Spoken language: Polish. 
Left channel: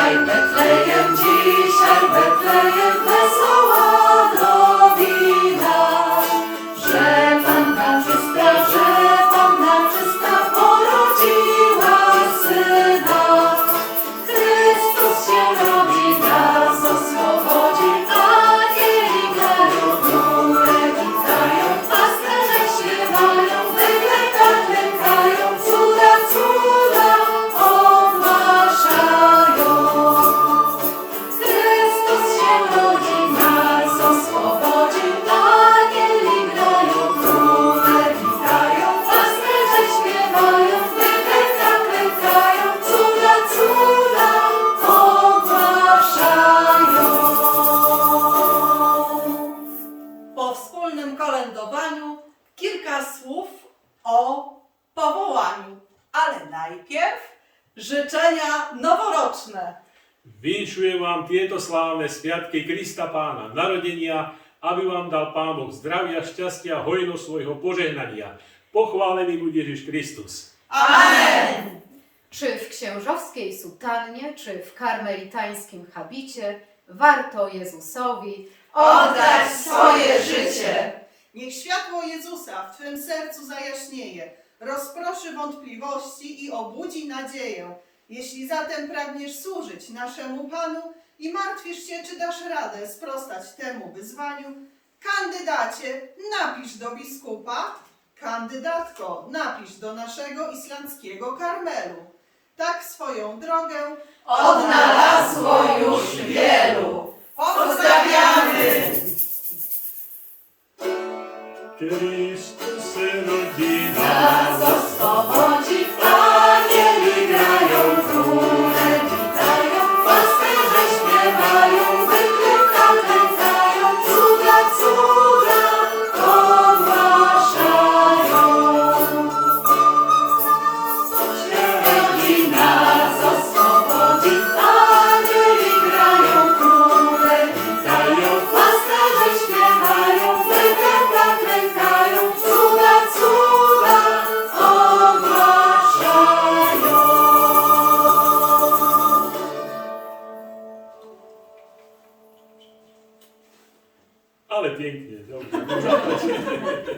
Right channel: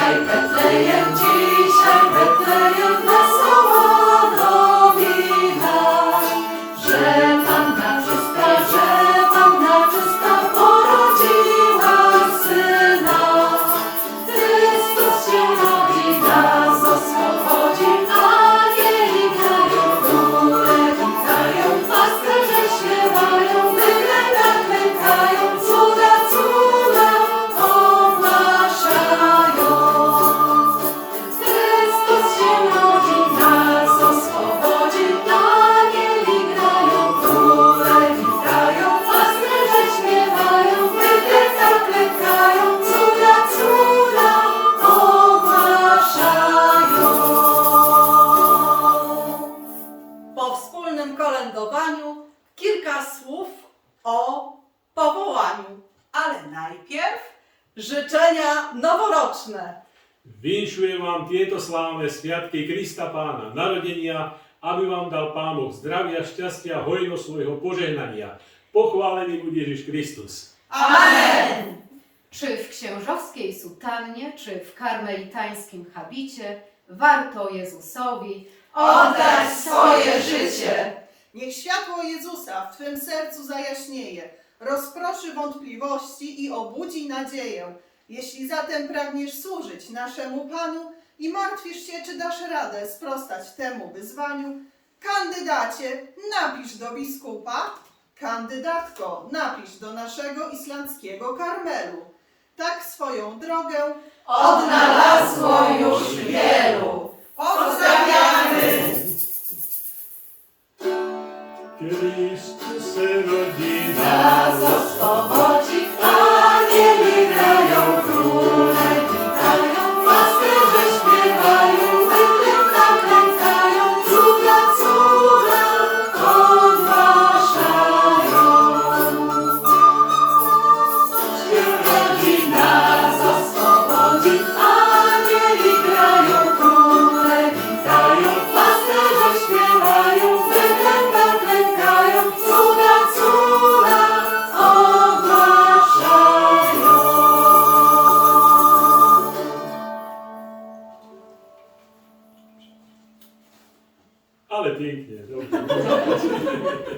再不答应，再不答应。Kilka słów o powołaniu, ale najpierw życzenia noworoczne. Vinšujem vám tieto slávne sviatky Krista Pána, narodenia, aby vám dal Pán Boh zdravia, šťastia hojnosť svojho požehnania. Pochválený buď Ježiš Kristus. Amen! Czy w księżowskiej sutannie, czy w karmelitańskim habicie warto Jezusowi Oddać swoje życie. Niech światło Jezusa w Twym sercu zajaśnieje, rozproszy wątpliwości i obudzi nadzieję. Jeśli zatem pragniesz służyć naszemu Panu i martwisz się, czy dasz radę sprostać temu wyzwaniu, kandydacie, napisz do biskupa, kandydatko, napisz do naszego islandzkiego Karmelu. Tak swoją drogę Odnalazło już Cristo Senhor de Ale pięknie.